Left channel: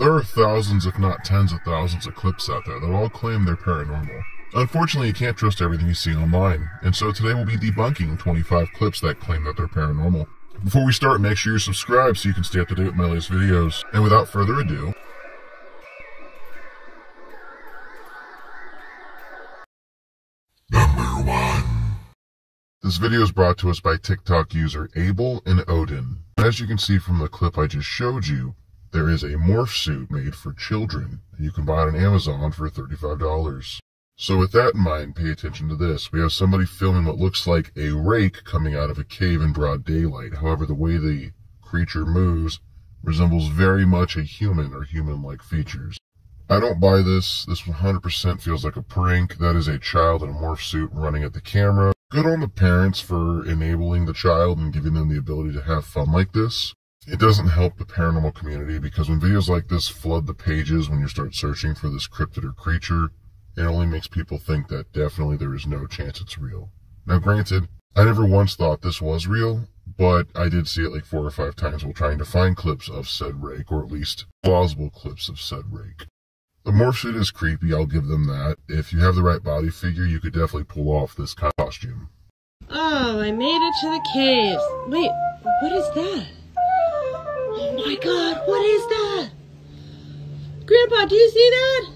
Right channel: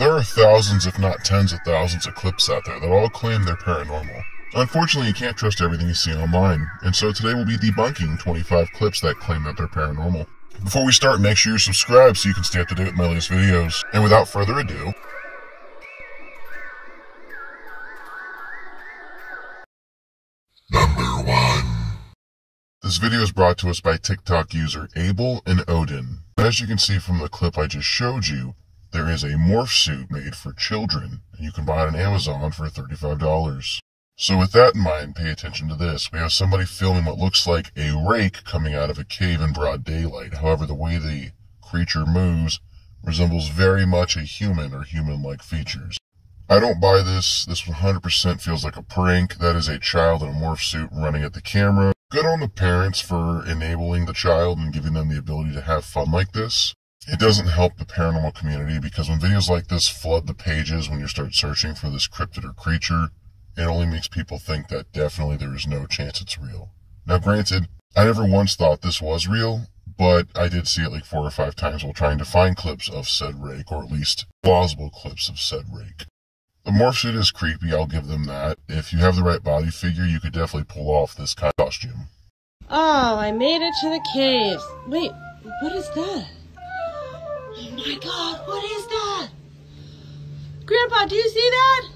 There are thousands, if not tens of thousands of clips out there that all claim they're paranormal. Unfortunately, you can't trust everything you see online, and so today we'll be debunking 25 clips that claim that they're paranormal. Before we start, make sure you're subscribed so you can stay up to date with my latest videos. And without further ado, Number 1. This video is brought to us by TikTok user Abel and Odin. As you can see from the clip I just showed you, there is a morph suit made for children, and you can buy it on Amazon for $35. So with that in mind, pay attention to this. We have somebody filming what looks like a rake coming out of a cave in broad daylight. However, the way the creature moves resembles very much a human or human-like features. I don't buy this. This 100% feels like a prank. That is a child in a morph suit running at the camera. Good on the parents for enabling the child and giving them the ability to have fun like this. It doesn't help the paranormal community because when videos like this flood the pages when you start searching for this cryptid or creature, it only makes people think that definitely there is no chance it's real. Now granted, I never once thought this was real, but I did see it like 4 or 5 times while trying to find clips of said rake, or at least plausible clips of said rake. The morph suit is creepy, I'll give them that. If you have the right body figure, you could definitely pull off this costume. Oh, I made it to the caves. Wait, what is that? Oh my god, what is that? Grandpa, do you see that?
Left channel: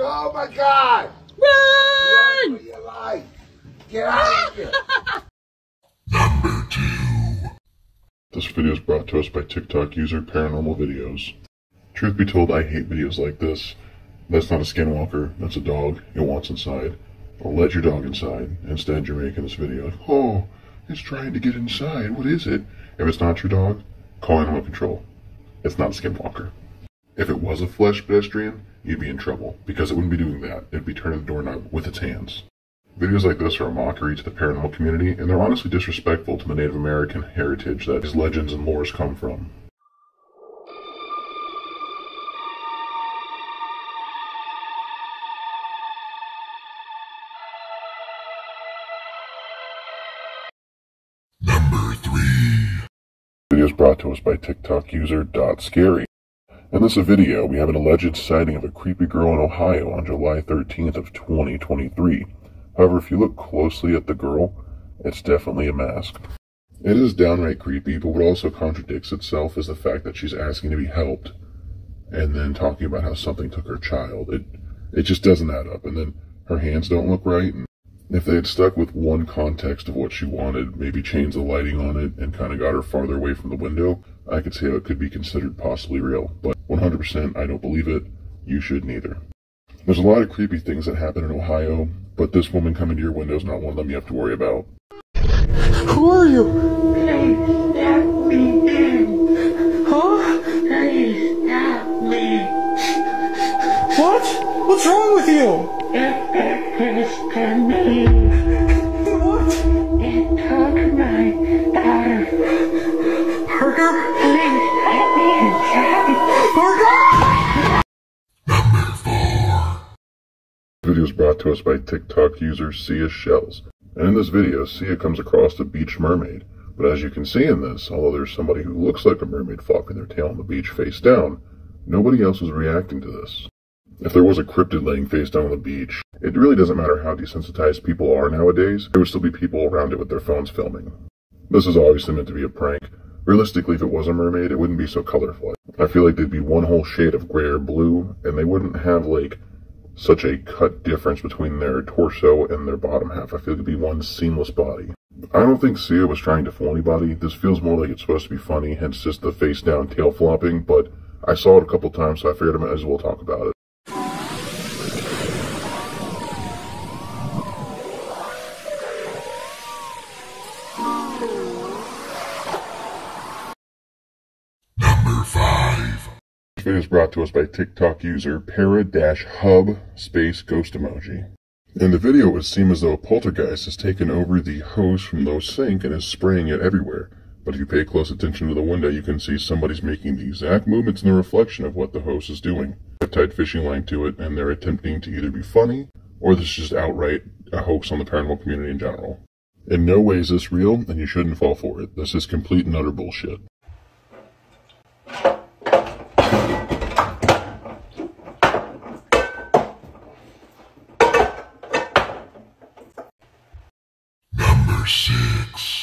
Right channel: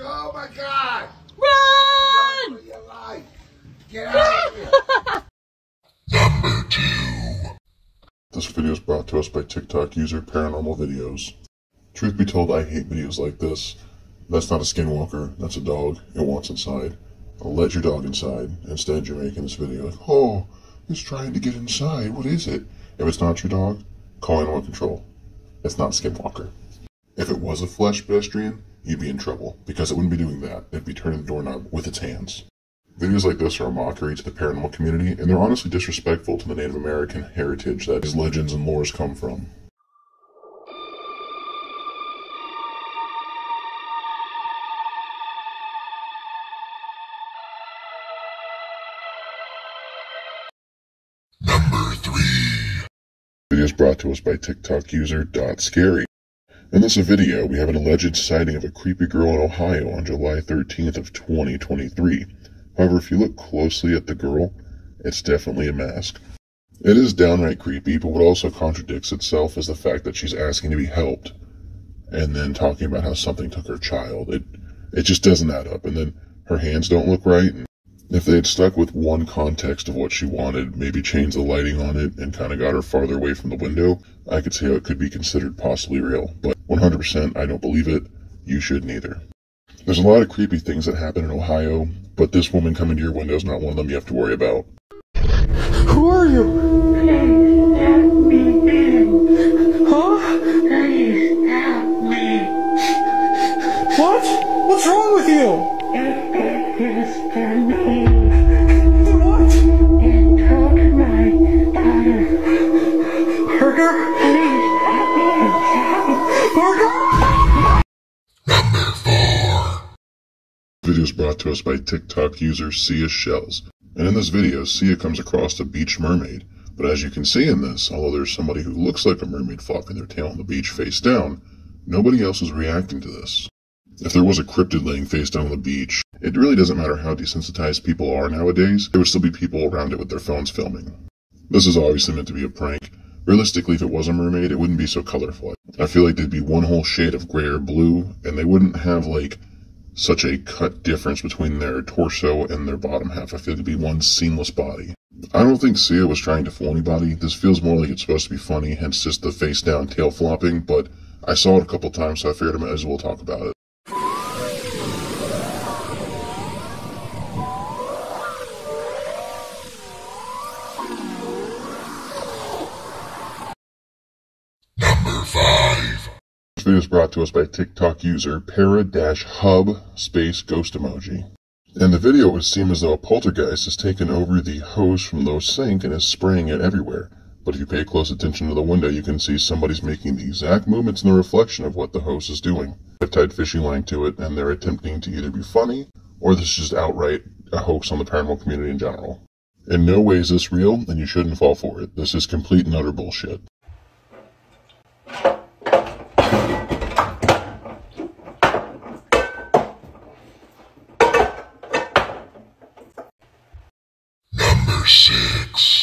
Oh my god! Run! Run for your life! Get out of here! Number 2. This video is brought to us by TikTok user Paranormal Videos. Truth be told, I hate videos like this. That's not a skinwalker, that's a dog. It wants inside. I'll let your dog inside. Instead, you're making this video like, oh, it's trying to get inside. What is it? If it's not your dog, call animal control. It's not a skinwalker. If it was a flesh pedestrian, you'd be in trouble, because it wouldn't be doing that. It'd be turning the doorknob with its hands. Videos like this are a mockery to the paranormal community, and they're honestly disrespectful to the Native American heritage that these legends and lores come from. Number 3. Video is brought to us by TikTok user .scary. In this video, we have an alleged sighting of a creepy girl in Ohio on July 13th of 2023. However, if you look closely at the girl, it's definitely a mask. It is downright creepy, but what also contradicts itself is the fact that she's asking to be helped, and then talking about how something took her child. It just doesn't add up, and then her hands don't look right, and if they had stuck with one context of what she wanted, maybe changed the lighting on it and kind of got her farther away from the window, I could see how it could be considered possibly real. But 100% I don't believe it. You shouldn't either. There's a lot of creepy things that happen in Ohio, but this woman coming to your window is not one of them you have to worry about. Who are you? Please let me in. Huh? Please help me. What? What's wrong with you? It did this to me. What? It took my daughter. Burger? Please let me inside. Burger? Number 4. The video is brought to us by TikTok user Sia Shells. And in this video, Sia comes across a beach mermaid. But as you can see in this, although there's somebody who looks like a mermaid flopping their tail on the beach face down, nobody else is reacting to this. If there was a cryptid laying face down on the beach, it really doesn't matter how desensitized people are nowadays, there would still be people around it with their phones filming. This is obviously meant to be a prank. Realistically, if it was a mermaid, it wouldn't be so colorful. I feel like there'd be one whole shade of gray or blue, and they wouldn't have, like, such a cut difference between their torso and their bottom half. I feel like it'd be one seamless body. I don't think Sia was trying to fool anybody. This feels more like it's supposed to be funny, hence just the face down, tail flopping, but I saw it a couple times, so I figured I might as well talk about it. Number 5. This video is brought to us by TikTok user para-hub space ghost emoji. In the video, it would seem as though a poltergeist has taken over the hose from the sink and is spraying it everywhere. But if you pay close attention to the window, you can see somebody's making the exact movements in the reflection of what the hose is doing. They've tied fishing line to it, and they're attempting to either be funny, or this is just outright a hoax on the paranormal community in general. In no way is this real, and you shouldn't fall for it. This is complete and utter bullshit. Pics.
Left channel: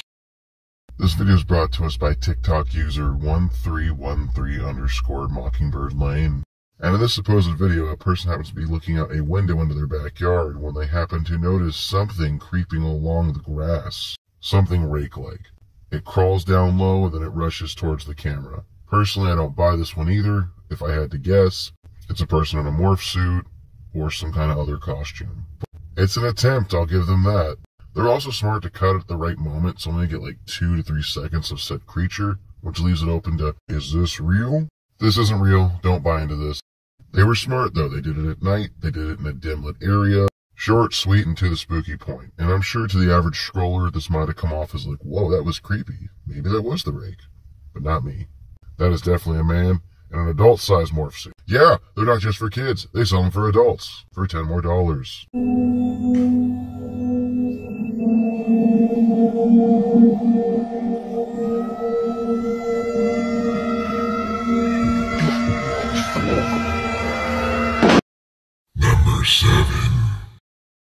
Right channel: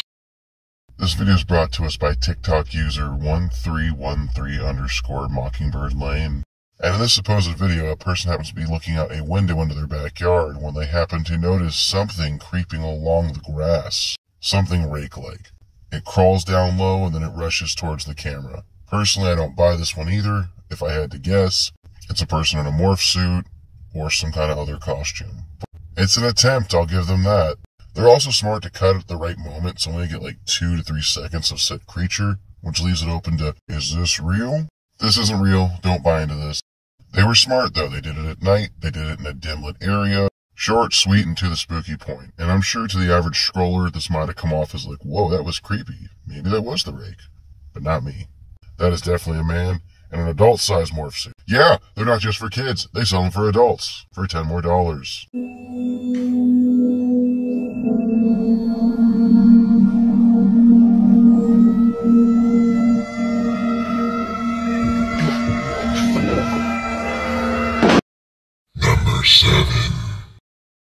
This video is brought to us by TikTok user 1313_Mockingbird Lane. And in this supposed video, a person happens to be looking out a window into their backyard when they happen to notice something creeping along the grass. Something rake-like. It crawls down low and then it rushes towards the camera. Personally, I don't buy this one either. If I had to guess, it's a person in a morph suit or some kind of other costume. It's an attempt, I'll give them that. They're also smart to cut at the right moment, so only get like 2 to 3 seconds of said creature, which leaves it open to, is this real? This isn't real, don't buy into this. They were smart though, they did it at night, they did it in a dim lit area, short, sweet, and to the spooky point. And I'm sure to the average scroller, this might have come off as like, whoa, that was creepy. Maybe that was the rake. But not me. That is definitely a man in an adult-sized morph suit. Yeah, they're not just for kids, they sell them for adults, for $10 more. Number 7.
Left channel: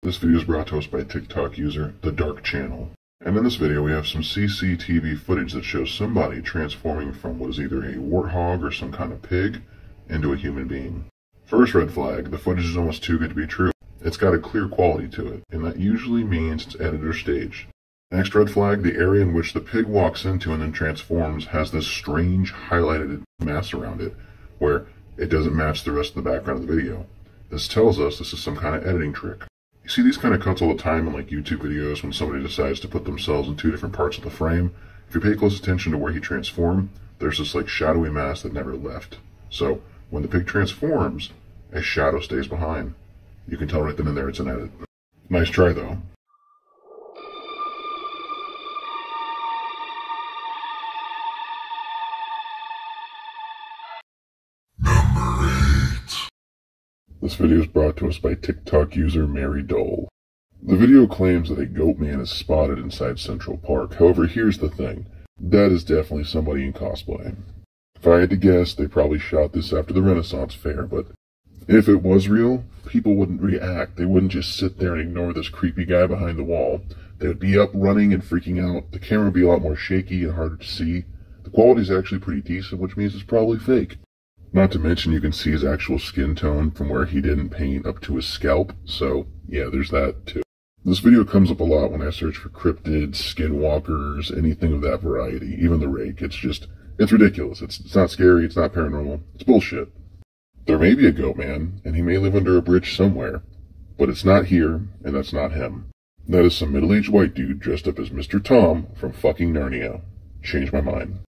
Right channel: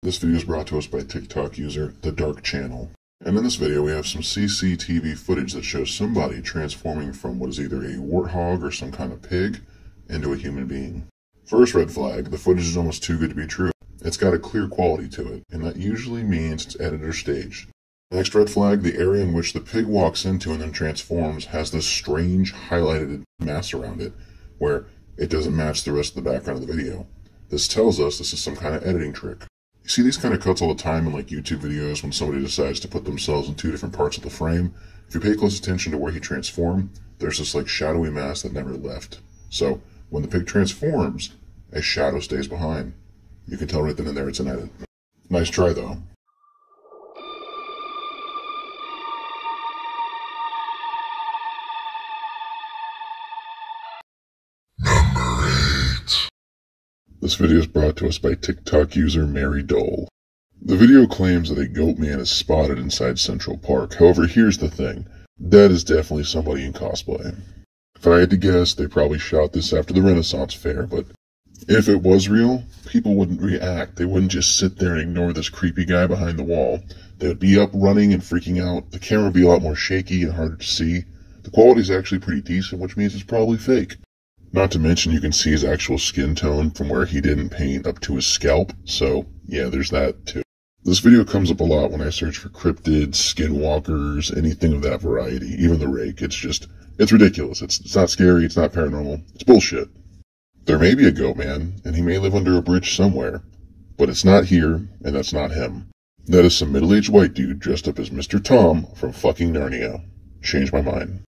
This video is brought to us by TikTok user The Dark Channel. And in this video we have some CCTV footage that shows somebody transforming from what is either a warthog or some kind of pig into a human being. First red flag, the footage is almost too good to be true. It's got a clear quality to it, and that usually means it's edited or staged. Next red flag, the area in which the pig walks into and then transforms has this strange highlighted mass around it, where it doesn't match the rest of the background of the video. This tells us this is some kind of editing trick. You see these kind of cuts all the time in like YouTube videos when somebody decides to put themselves in 2 different parts of the frame. If you pay close attention to where he transformed, there's this like shadowy mass that never left. So when the pig transforms, a shadow stays behind. You can tell right then and there it's an edit. Nice try though. Number 8. This video is brought to us by TikTok user Mary Dole. The video claims that a goat man is spotted inside Central Park. However, here's the thing. That is definitely somebody in cosplay. If I had to guess, they probably shot this after the Renaissance Fair, but if it was real, people wouldn't react. They wouldn't just sit there and ignore this creepy guy behind the wall. They would be up running and freaking out. The camera would be a lot more shaky and harder to see. The quality is actually pretty decent, which means it's probably fake. Not to mention you can see his actual skin tone from where he didn't paint up to his scalp, so yeah, there's that too. This video comes up a lot when I search for cryptids, skinwalkers, anything of that variety, even the rake. It's ridiculous. It's not scary, it's not paranormal, it's bullshit. There may be a goat man, and he may live under a bridge somewhere, but it's not here, and that's not him. That is some middle-aged white dude dressed up as Mr. Tom from fucking Narnia. Changed my mind.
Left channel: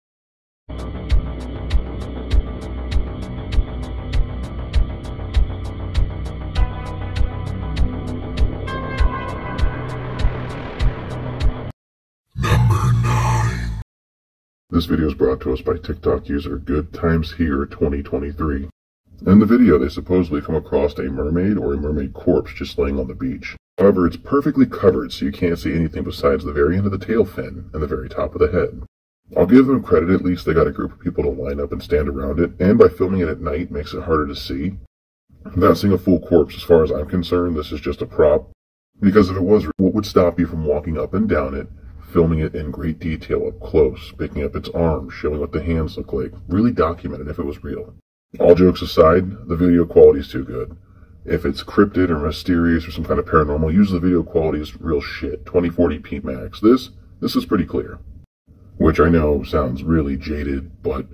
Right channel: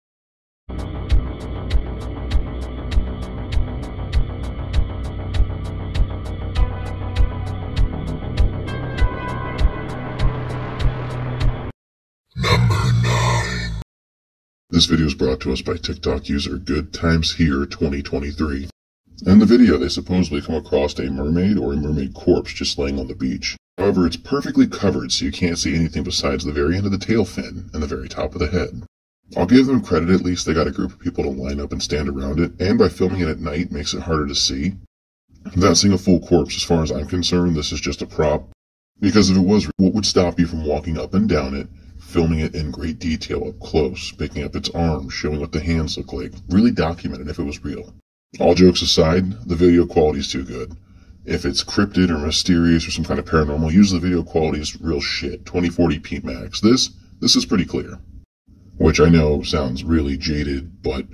This video is brought to us by TikTok user Good Times Here 2023. In the video, they supposedly come across a mermaid or a mermaid corpse just laying on the beach. However, it's perfectly covered so you can't see anything besides the very end of the tail fin and the very top of the head. I'll give them credit, at least they got a group of people to line up and stand around it, and by filming it at night makes it harder to see. I'm not seeing a full corpse as far as I'm concerned, this is just a prop. Because if it was, what would stop you from walking up and down it, filming it in great detail up close, picking up its arms, showing what the hands look like, really documenting if it was real. All jokes aside, the video quality is too good. If it's cryptid or mysterious or some kind of paranormal, usually the video quality is real shit, 2040p max. This is pretty clear. Which I know sounds really jaded, but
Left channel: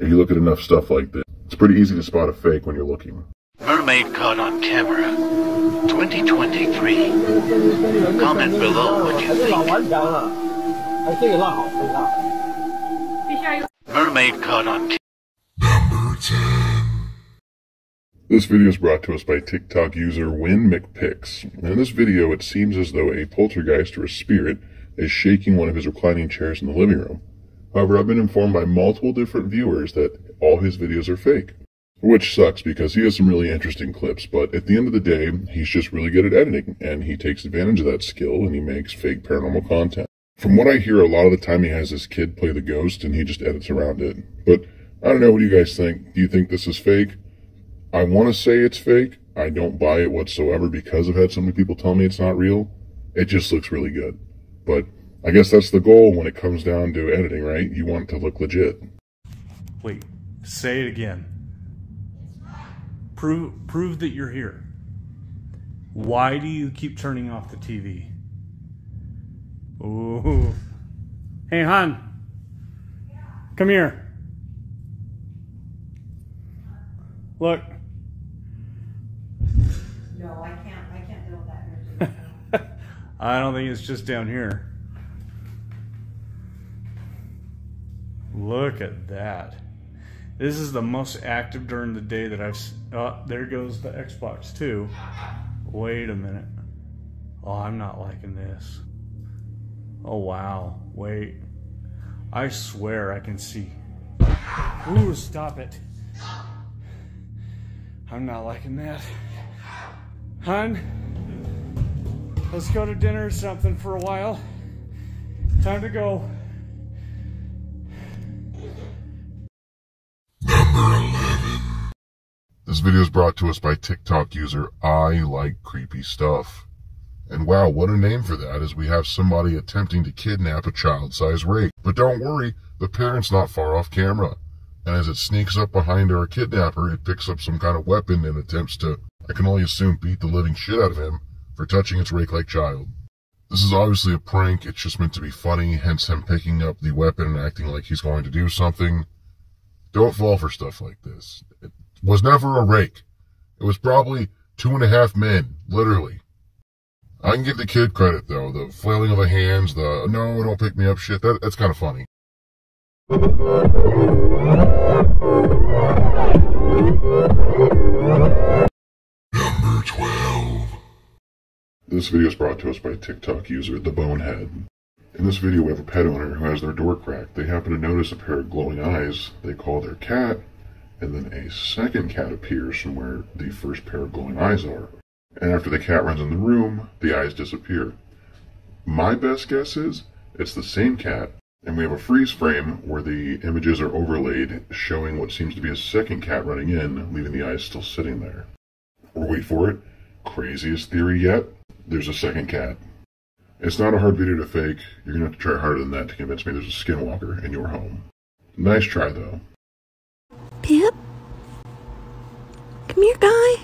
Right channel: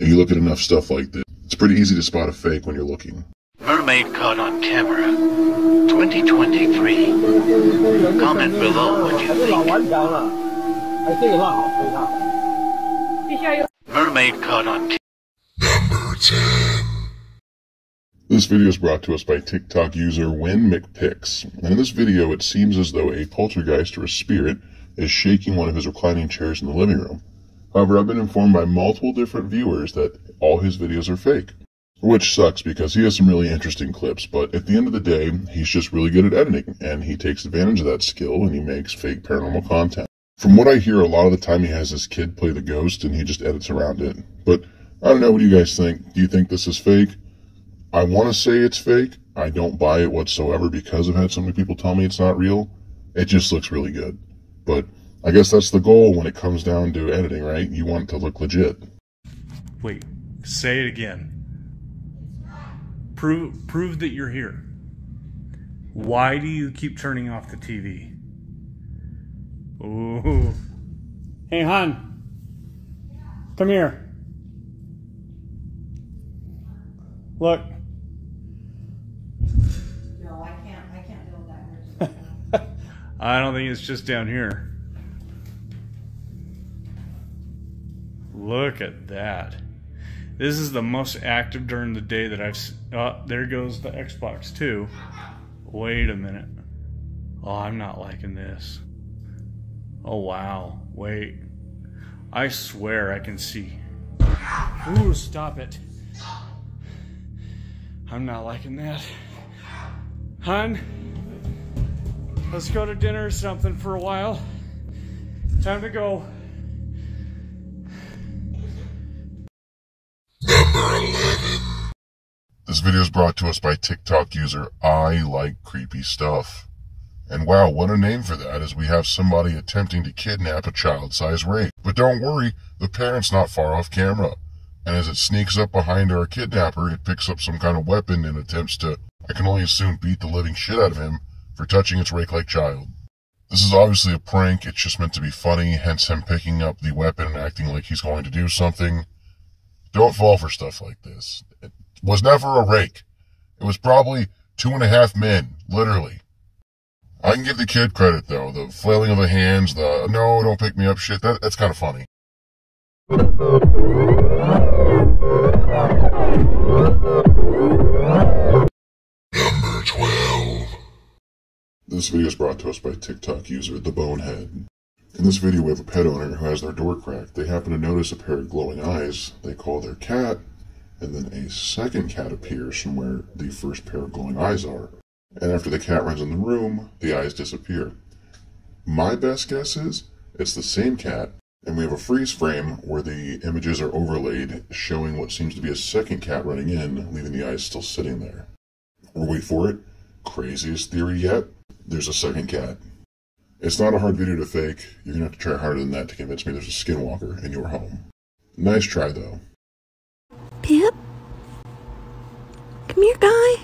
if you look at enough stuff like this, it's pretty easy to spot a fake when you're looking. Mermaid caught on camera. 2023. Comment below what you think. Mermaid caught on camera. Number 10. This video is brought to us by TikTok user WinMcPix. And in this video, it seems as though a poltergeist or a spirit is shaking one of his reclining chairs in the living room. However, I've been informed by multiple different viewers that all his videos are fake. Which sucks because he has some really interesting clips, but at the end of the day, he's just really good at editing, and he takes advantage of that skill and he makes fake paranormal content. From what I hear, a lot of the time he has his kid play the ghost and he just edits around it. But I don't know, what do you guys think? Do you think this is fake? I want to say it's fake. I don't buy it whatsoever because I've had so many people tell me it's not real. It just looks really good. But I guess that's the goal when it comes down to editing, right? You want it to look legit. Wait, say it again. Prove that you're here. Why do you keep turning off the TV? Ooh. Hey, hon. Come here. Look. No, I can't deal with that. I don't think it's just down here. Look at that. This is the most active during the day that I've... Oh, there goes the Xbox too. Wait a minute. Oh, I'm not liking this. Oh, wow. Wait. I swear I can see. Ooh, stop it. I'm not liking that. Hun, let's go to dinner or something for a while. Time to go. This video is brought to us by TikTok user I Like Creepy Stuff. And wow, what a name for that, as we have somebody attempting to kidnap a child-sized rape. But don't worry, the parent's not far off camera. And as it sneaks up behind our kidnapper, it picks up some kind of weapon and attempts to, I can only assume, beat the living shit out of him for touching its rake-like child. This is obviously a prank, it's just meant to be funny, hence him picking up the weapon and acting like he's going to do something. Don't fall for stuff like this. It was never a rake. It was probably 2.5 men, literally. I can give the kid credit, though. The flailing of the hands, the no, don't pick me up shit, that's kind of funny. Number 12. This video is brought to us by TikTok user The Bonehead. In this video, we have a pet owner who has their door cracked. They happen to notice a pair of glowing eyes. They call their cat, and then a second cat appears from where the first pair of glowing eyes are. And after the cat runs in the room, the eyes disappear. My best guess is it's the same cat, and we have a freeze frame where the images are overlaid, showing what seems to be a second cat running in, leaving the eyes still sitting there. Or wait for it, craziest theory yet, there's a second cat. It's not a hard video to fake. You're gonna have to try harder than that to convince me there's a skinwalker in your home. Nice try, though. Pip? Come here, guy.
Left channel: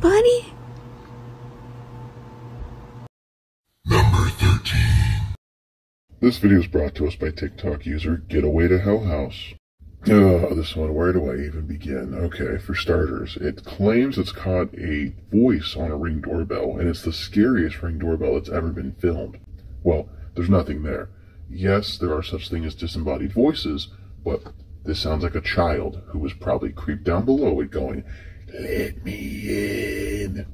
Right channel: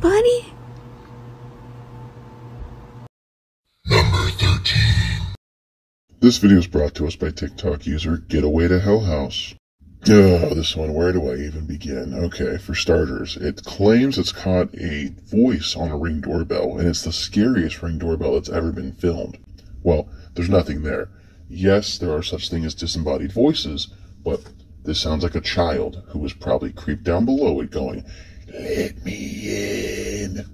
Buddy? Number 13. This video is brought to us by TikTok user Getaway to Hell House. This one, where do I even begin? Okay, for starters, it claims it's caught a voice on a Ring doorbell, and it's the scariest Ring doorbell that's ever been filmed. Well, there's nothing there. Yes, there are such things as disembodied voices, but this sounds like a child who was probably creeped down below it going, "Let me in."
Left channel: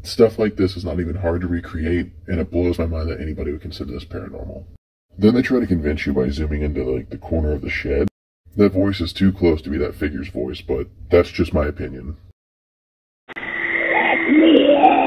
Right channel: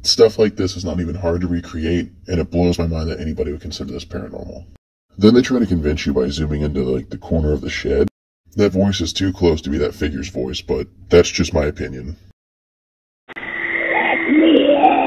Stuff like this is not even hard to recreate, and it blows my mind that anybody would consider this paranormal. Then they try to convince you by zooming into the corner of the shed. That voice is too close to be that figure's voice, but that's just my opinion. Let me in.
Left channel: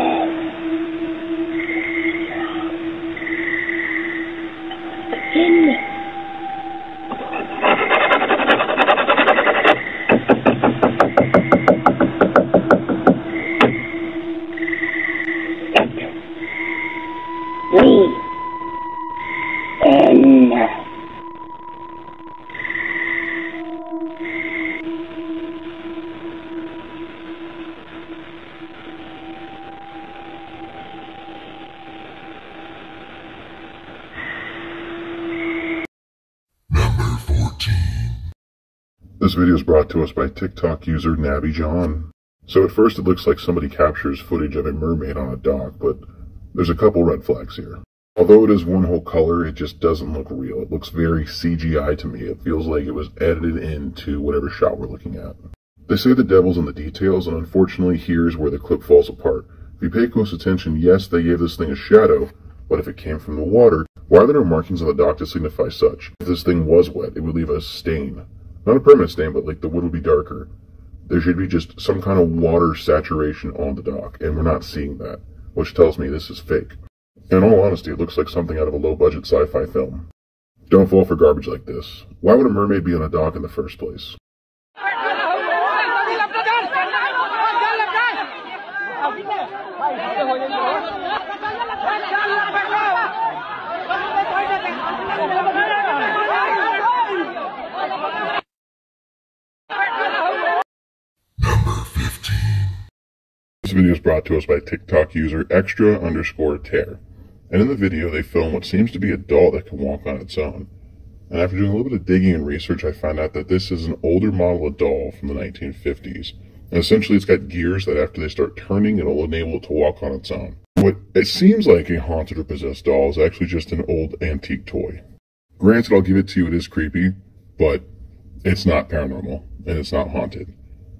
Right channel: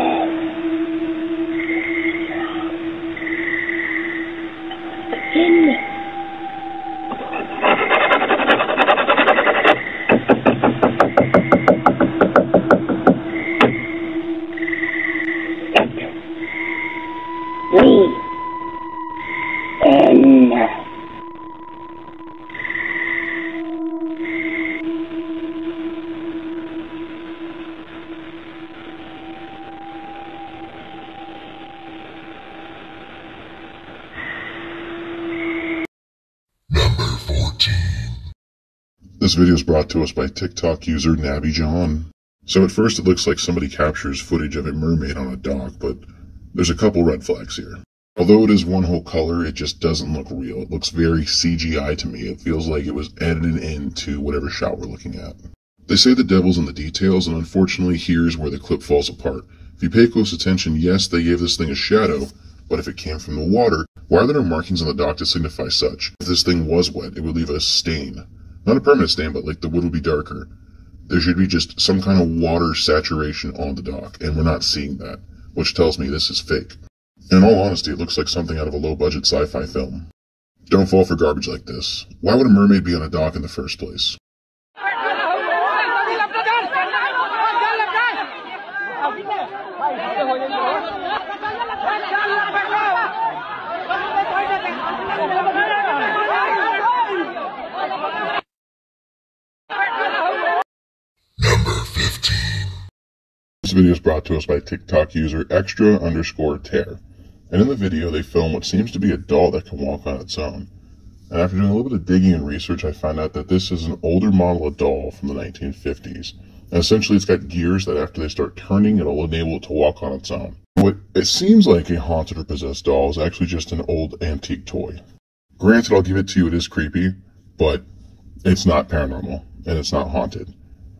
This video is brought to us by TikTok user Nabby John. So at first it looks like somebody captures footage of a mermaid on a dock, but there's a couple red flags here. Although it is one whole color, it just doesn't look real. It looks very CGI to me. It feels like it was edited into whatever shot we're looking at. They say the devil's in the details, and unfortunately here's where the clip falls apart. If you pay close attention, yes, they gave this thing a shadow, but if it came from the water, why are there no markings on the dock to signify such? If this thing was wet, it would leave a stain. Not a permanent stain, but like the wood would be darker. There should be just some kind of water saturation on the dock, and we're not seeing that, which tells me this is fake. In all honesty, it looks like something out of a low-budget sci-fi film. Don't fall for garbage like this. Why would a mermaid be on a dock in the first place? This video is brought to us by TikTok user extra_tear. And in the video, they film what seems to be a doll that can walk on its own. And after doing a little bit of digging and research, I found out that this is an older model of doll from the 1950s. And essentially, it's got gears that after they start turning, it'll enable it to walk on its own. What it seems like a haunted or possessed doll is actually just an old antique toy. Granted, I'll give it to you, it is creepy, but it's not paranormal, and it's not haunted.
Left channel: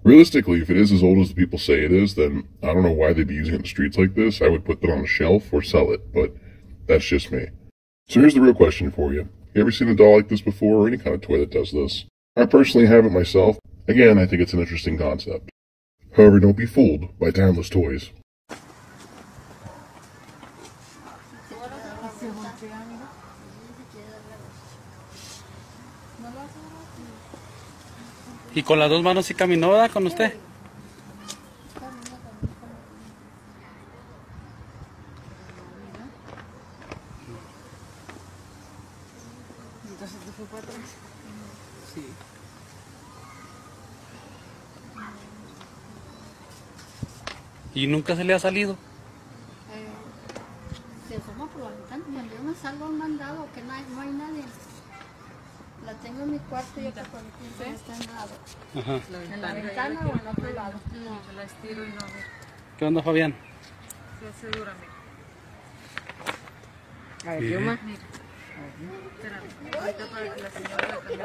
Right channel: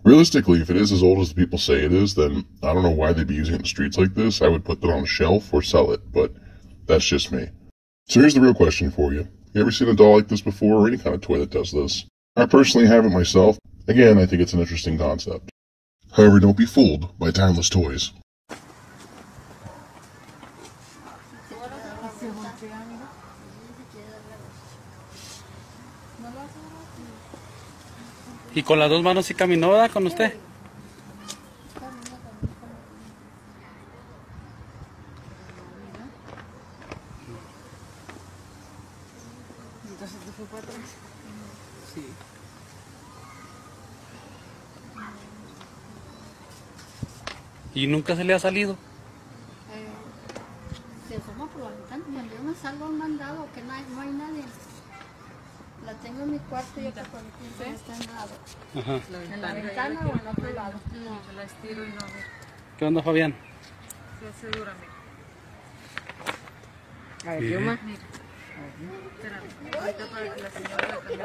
Realistically, if it is as old as the people say it is, then I don't know why they'd be using it in the streets like this. I would put that on a shelf or sell it, but that's just me. So here's the real question for you. You ever seen a doll like this before, or any kind of toy that does this? I personally haven't myself. Again, I think it's an interesting concept. However, don't be fooled by timeless toys. Y con las dos manos sí caminó, ¿verdad? Con usted. Entonces te fue para atrás. Sí. ¿Y nunca se le ha salido? Se asoma por la ventana. Cuando yo me salgo a un mandado que no hay nadie. La tengo en mi cuarto y otra cuando está en lado. Ajá. En la ventana o en otro lado. No, yo la estiro y no ve. ¿Qué onda, Fabián? Se hace dura, mira. A ver, yo más. Espérame, ahorita para que la señora la cambie.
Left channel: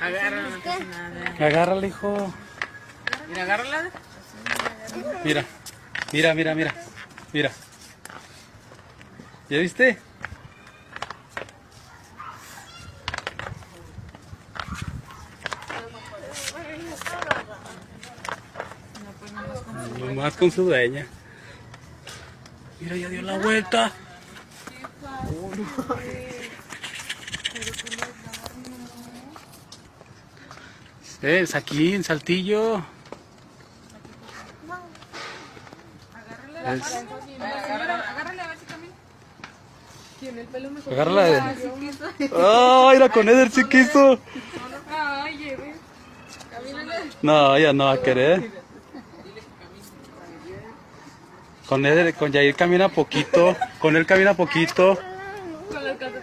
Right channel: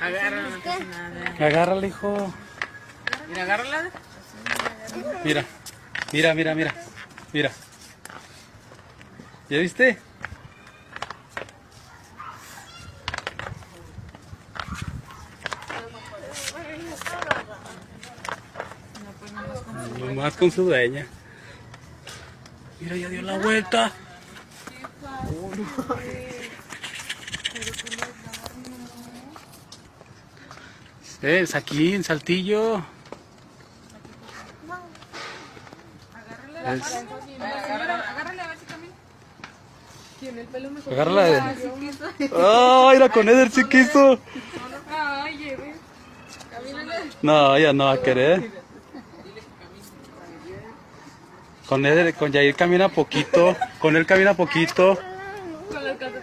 Agárrala. No pasa nada. Agárrala, hijo. Mira, agárrala. Mira, mira, mira, mira. Mira. ¿Ya viste? Nomás con su dueña. Mira, ya dio la vuelta. Es aquí en Saltillo. Agárrala a ver si camina. Tiene el pelo mejor. Agárrala. ¡Ay, la con Eder sí quiso! Ay, lleve. Camínale. No, ella no va a querer. Con Eder, con Yair camina poquito. Con él camina poquito. Con las casetas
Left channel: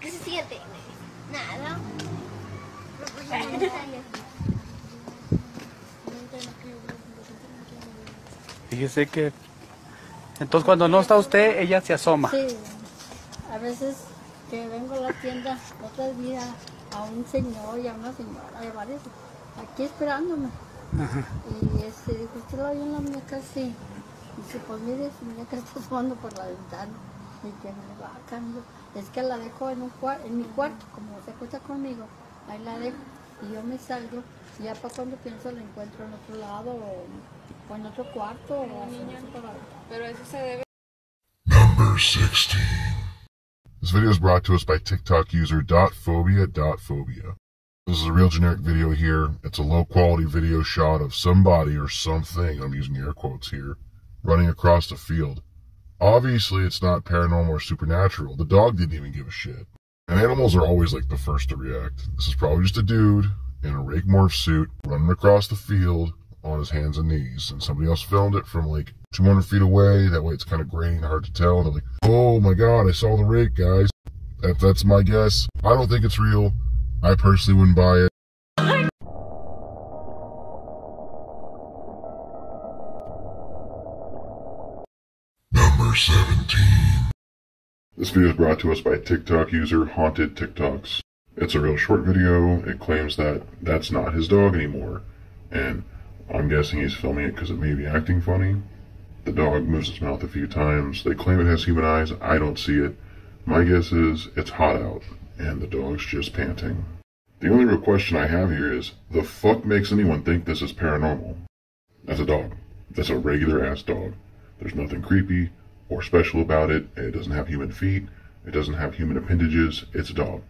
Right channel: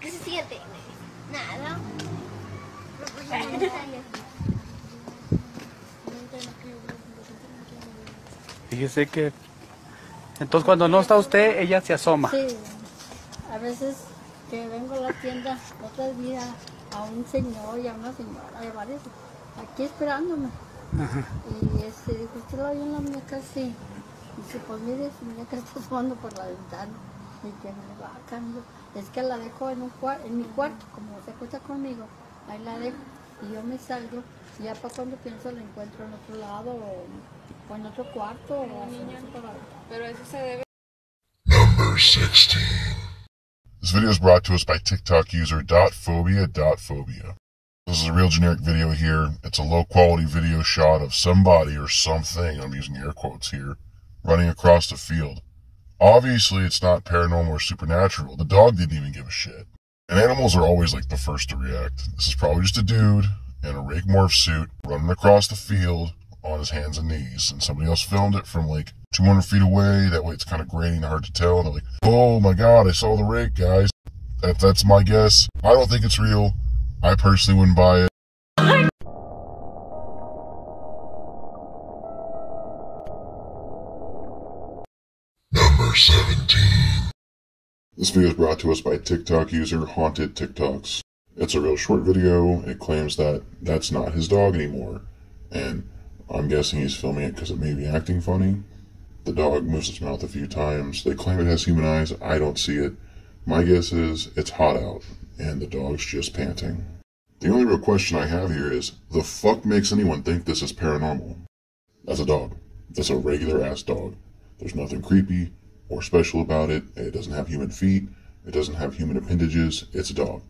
¿Qué se siente? Nada. Fíjese que... Entonces cuando no está usted, ella se asoma. Sí. A veces que vengo a la tienda, otros días a un señor y a una señora, hay varios, aquí esperándome. Ajá. Y dijo, ¿usted la vio en la muñeca? Sí. Dice, pues mire, su muñeca está asomando por la ventana. Y que me va a cambiar. Es que la dejo en mi cuarto, como se acuesta conmigo, ahí la dejo. Y yo me salgo, y ya para cuando pienso la encuentro en otro lado, o en otro cuarto, o así, por la ventana. Pero eso se debe. Number 16. This video is brought to us by TikTok user .phobia.phobia. This is a real generic video here. It's a low quality video shot of somebody or something, I'm using air quotes here, running across the field. Obviously, it's not paranormal or supernatural. The dog didn't even give a shit. And animals are always like the first to react. This is probably just a dude in a rake morph suit running across the field on his hands and knees. And somebody else filmed it from like 200 feet away. That way it's kind of grainy and hard to tell. They're like, oh my god, I saw the rake, guys. That's my guess. I don't think it's real. I personally wouldn't buy it. Number 17. This video is brought to us by TikTok user Haunted TikToks. It's a real short video. It claims that that's not his dog anymore. And I'm guessing he's filming it because it may be acting funny. The dog moves its mouth a few times. They claim it has human eyes. I don't see it. My guess is it's hot out and the dog's just panting. The only real question I have here is, the fuck makes anyone think this is paranormal? That's a dog. That's a regular ass dog. There's nothing creepy or special about it. It doesn't have human feet. It doesn't have human appendages. It's a dog.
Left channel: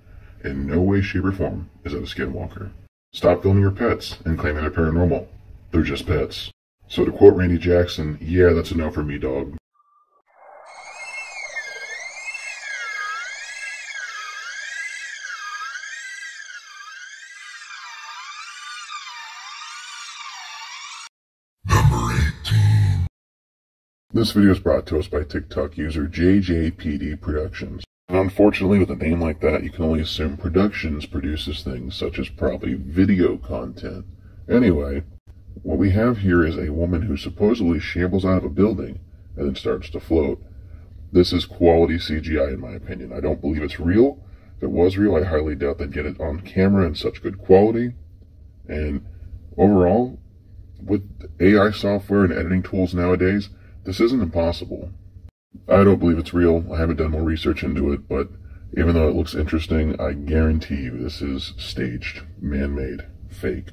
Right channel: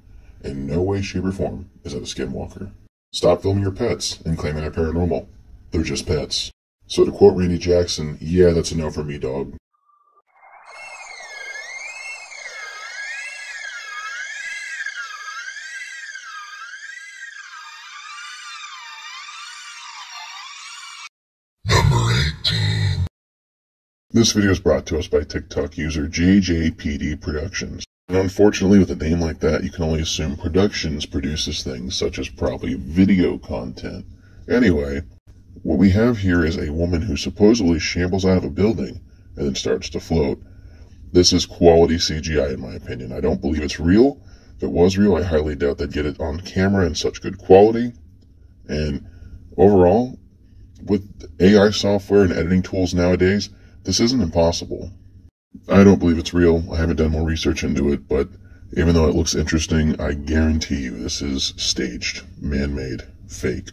In no way, shape, or form is that a skinwalker. Stop filming your pets and claiming they're paranormal. They're just pets. So to quote Randy Jackson, yeah, that's a no for me, dog. Number 18. This video is brought to us by TikTok user JJPD Productions. And unfortunately, with a name like that, you can only assume Productions produces things such as probably video content. Anyway, what we have here is a woman who supposedly shambles out of a building and then starts to float. This is quality CGI in my opinion. I don't believe it's real. If it was real, I highly doubt they'd get it on camera in such good quality. And overall, with AI software and editing tools nowadays, this isn't impossible. I don't believe it's real. I haven't done more research into it, but even though it looks interesting, I guarantee you this is staged, man-made, fake.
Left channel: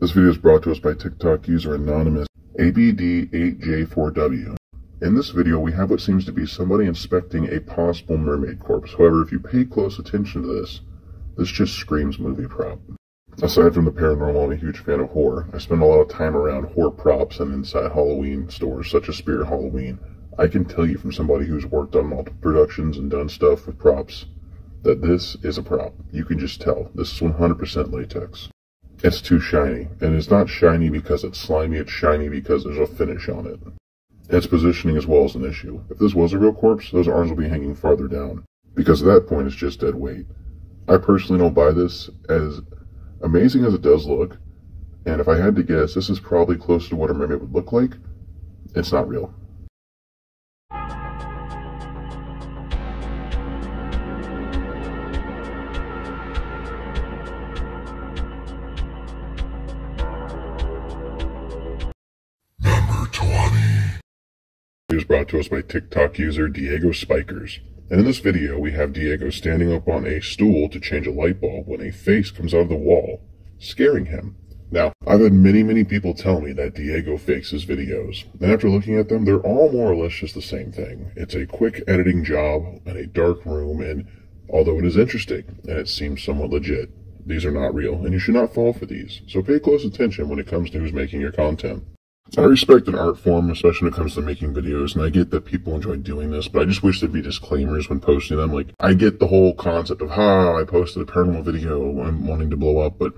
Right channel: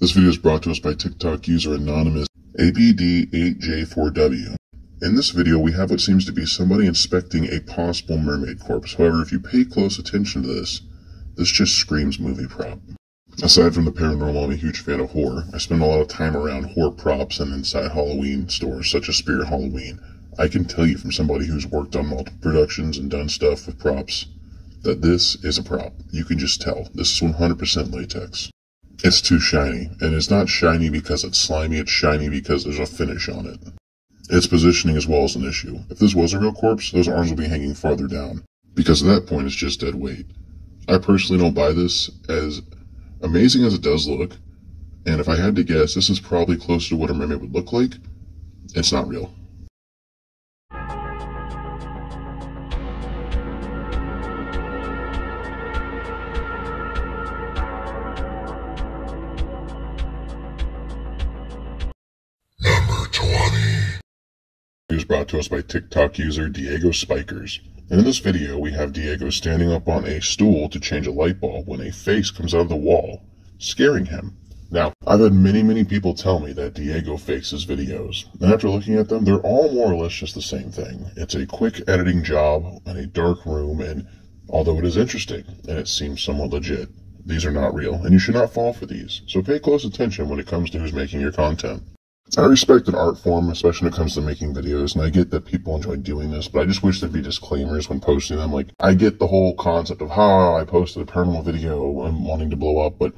This video is brought to us by TikTok user anonymous ABD8J4W. In this video, we have what seems to be somebody inspecting a possible mermaid corpse. However, if you pay close attention to this just screams movie prop. Aside from the paranormal, I'm a huge fan of horror. I spend a lot of time around horror props and inside Halloween stores such as Spirit Halloween. I can tell you from somebody who's worked on multiple productions and done stuff with props that this is a prop. You can just tell. This is 100% latex. It's too shiny, and it's not shiny because it's slimy, it's shiny because there's a finish on it. Its positioning as well is an issue. If this was a real corpse, those arms will be hanging farther down, because at that point it's just dead weight. I personally don't buy this, as amazing as it does look, and if I had to guess, this is probably closer to what a mermaid would look like. It's not real. Is brought to us by TikTok user Diego Spikers. And in this video, we have Diego standing up on a stool to change a light bulb when a face comes out of the wall, scaring him. Now, I've had many people tell me that Diego fakes his videos, and after looking at them, they're all more or less just the same thing. It's a quick editing job in a dark room, and although it is interesting, and it seems somewhat legit, these are not real, and you should not fall for these. So pay close attention when it comes to who's making your content. I respect an art form, especially when it comes to making videos, and I get that people enjoy doing this, but I just wish there'd be disclaimers when posting them. Like, I get the whole concept of, I posted a paranormal video, I'm wanting to blow up, but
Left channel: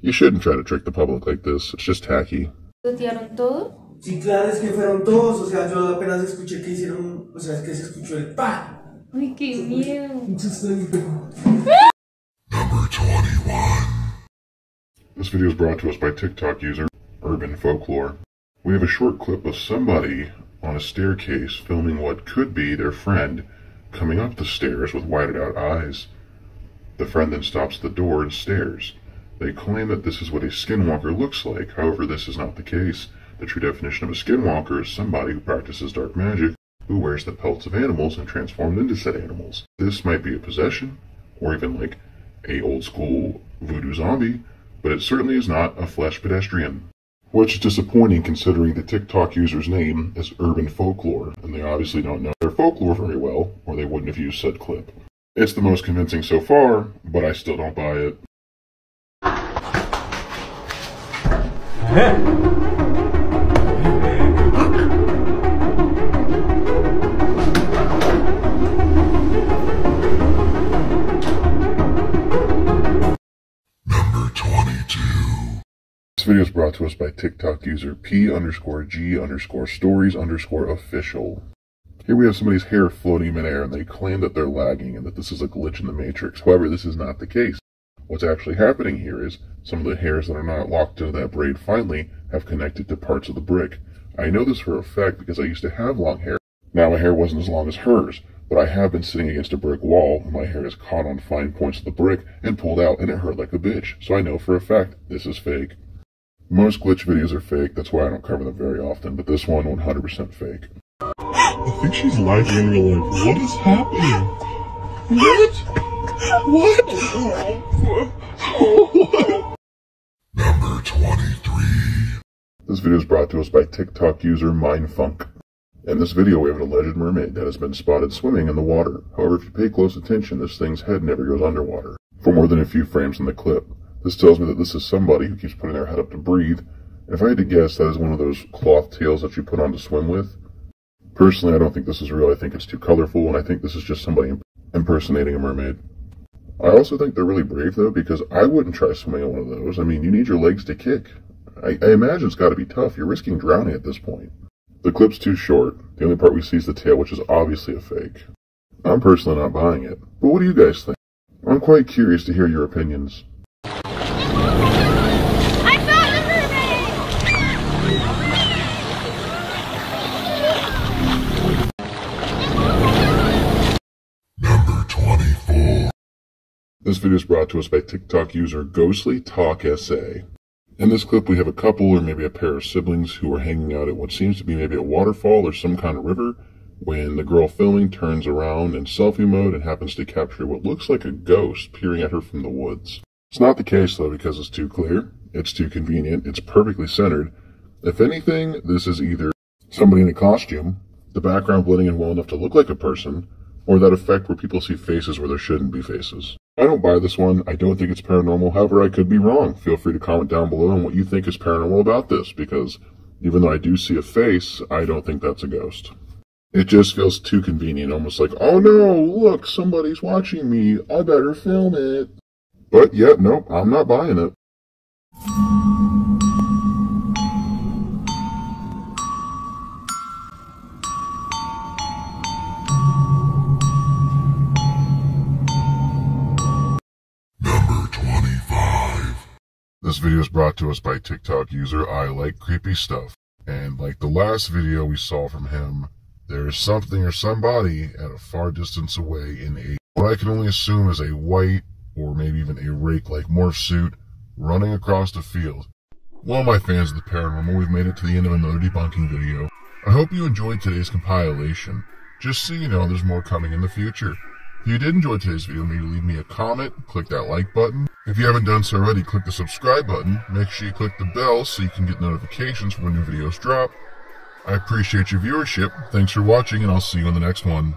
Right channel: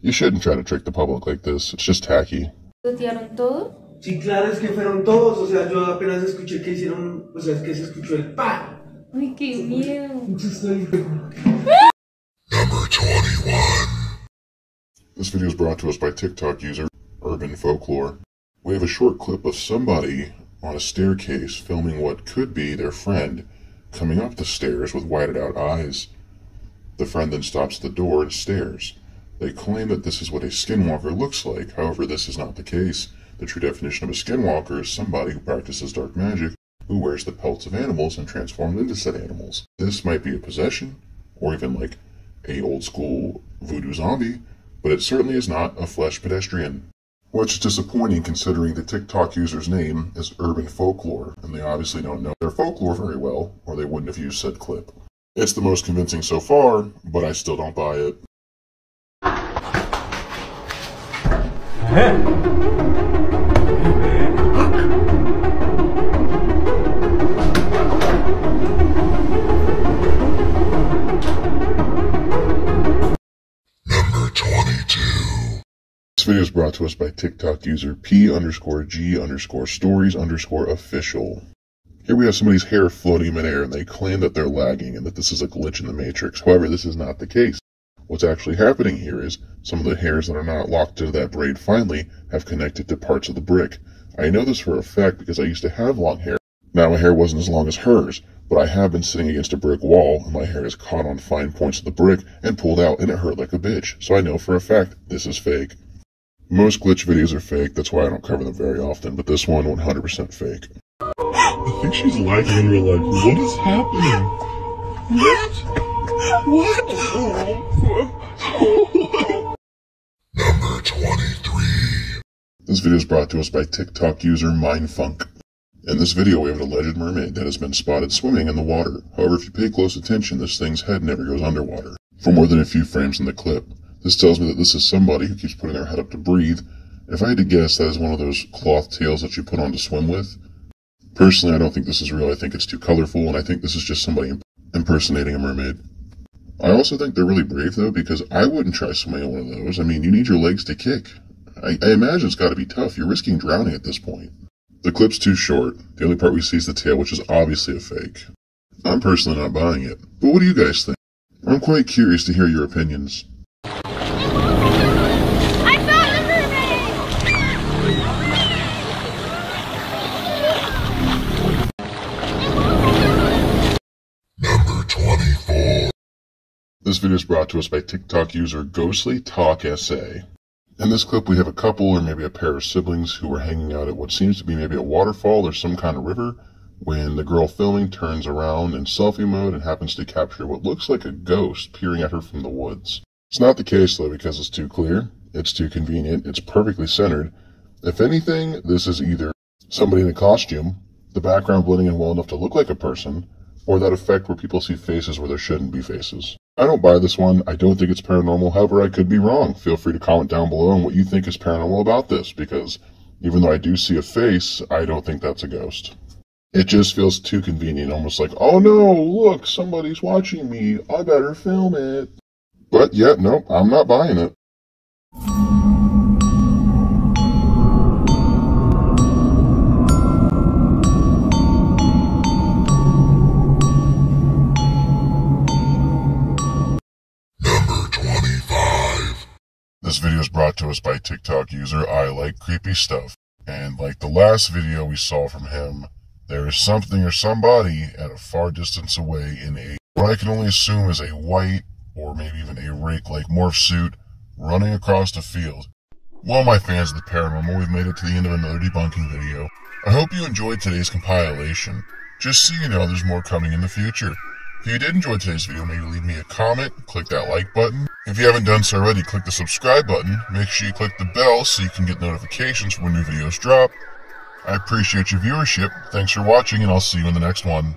you shouldn't try to trick the public like this. It's just tacky. ¿Tuitearon todo? Sí, claro, es que fueron todos, o sea, yo apenas escuché que hicieron, o sea, es que se escuchó el pa. Uy, qué miedo. Number 21. This video is brought to us by TikTok user Urban Folklore. We have a short clip of somebody on a staircase filming what could be their friend coming up the stairs with whited out eyes. The friend then stops at the door and stares. They claim that this is what a skinwalker looks like. However, this is not the case. The true definition of a skinwalker is somebody who practices dark magic, who wears the pelts of animals and transforms into said animals. This might be a possession, or even like a old school voodoo zombie, but it certainly is not a flesh pedestrian. Which is disappointing considering the TikTok user's name is Urban Folklore, and they obviously don't know their folklore very well, or they wouldn't have used said clip. It's the most convincing so far, but I still don't buy it. Number 22. This video is brought to us by TikTok user P_G_stories_official. Here we have somebody's hair floating in midair, and they claim that they're lagging and that this is a glitch in the Matrix. However, this is not the case. What's actually happening here is some of the hairs that are not locked into that braid finally have connected to parts of the brick. I know this for a fact because I used to have long hair. Now my hair wasn't as long as hers, but I have been sitting against a brick wall, and my hair is caught on fine points of the brick and pulled out, and it hurt like a bitch. So I know for a fact this is fake. Most glitch videos are fake, that's why I don't cover them very often, but this one 100% fake. I think she's lagging in real life. What is happening? What? Number 23. This video is brought to us by TikTok user Mindfunk. In this video, we have an alleged mermaid that has been spotted swimming in the water. However, if you pay close attention, this thing's head never goes underwater. For more than a few frames in the clip, this tells me that this is somebody who keeps putting their head up to breathe. If I had to guess, that is one of those cloth tails that you put on to swim with. Personally, I don't think this is real. I think it's too colorful, and I think this is just somebody impersonating a mermaid. I also think they're really brave, though, because I wouldn't try swimming in one of those. I mean, you need your legs to kick. I imagine it's got to be tough. You're risking drowning at this point. The clip's too short. The only part we see is the tail, which is obviously a fake. I'm personally not buying it. But what do you guys think? I'm quite curious to hear your opinions. I found the mermaid! Number 24. This video is brought to us by TikTok user Ghostly Talk SA. In this clip, we have a couple or maybe a pair of siblings who are hanging out at what seems to be maybe a waterfall or some kind of river when the girl filming turns around in selfie mode and happens to capture what looks like a ghost peering at her from the woods. It's not the case, though, because it's too clear, it's too convenient, it's perfectly centered. If anything, this is either somebody in a costume, the background blending in well enough to look like a person, or that effect where people see faces where there shouldn't be faces. I don't buy this one. I don't think it's paranormal. However, I could be wrong. Feel free to comment down below on what you think is paranormal about this, because even though I do see a face, I don't think that's a ghost. It just feels too convenient, almost like, oh no, look, somebody's watching me. I better film it. But yeah, no, I'm not buying it. This video is brought to us by TikTok user I Like Creepy Stuff. And like the last video we saw from him, there is something or somebody at a far distance away in what I can only assume is a white or maybe even a rake-like morph suit running across the field. Well, my fans of the paranormal, we've made it to the end of another debunking video. I hope you enjoyed today's compilation. Just so you know, there's more coming in the future. If you did enjoy today's video, maybe leave me a comment, click that like button. If you haven't done so already, click the subscribe button. Make sure you click the bell so you can get notifications when new videos drop. I appreciate your viewership. Thanks for watching, and I'll see you in the next one.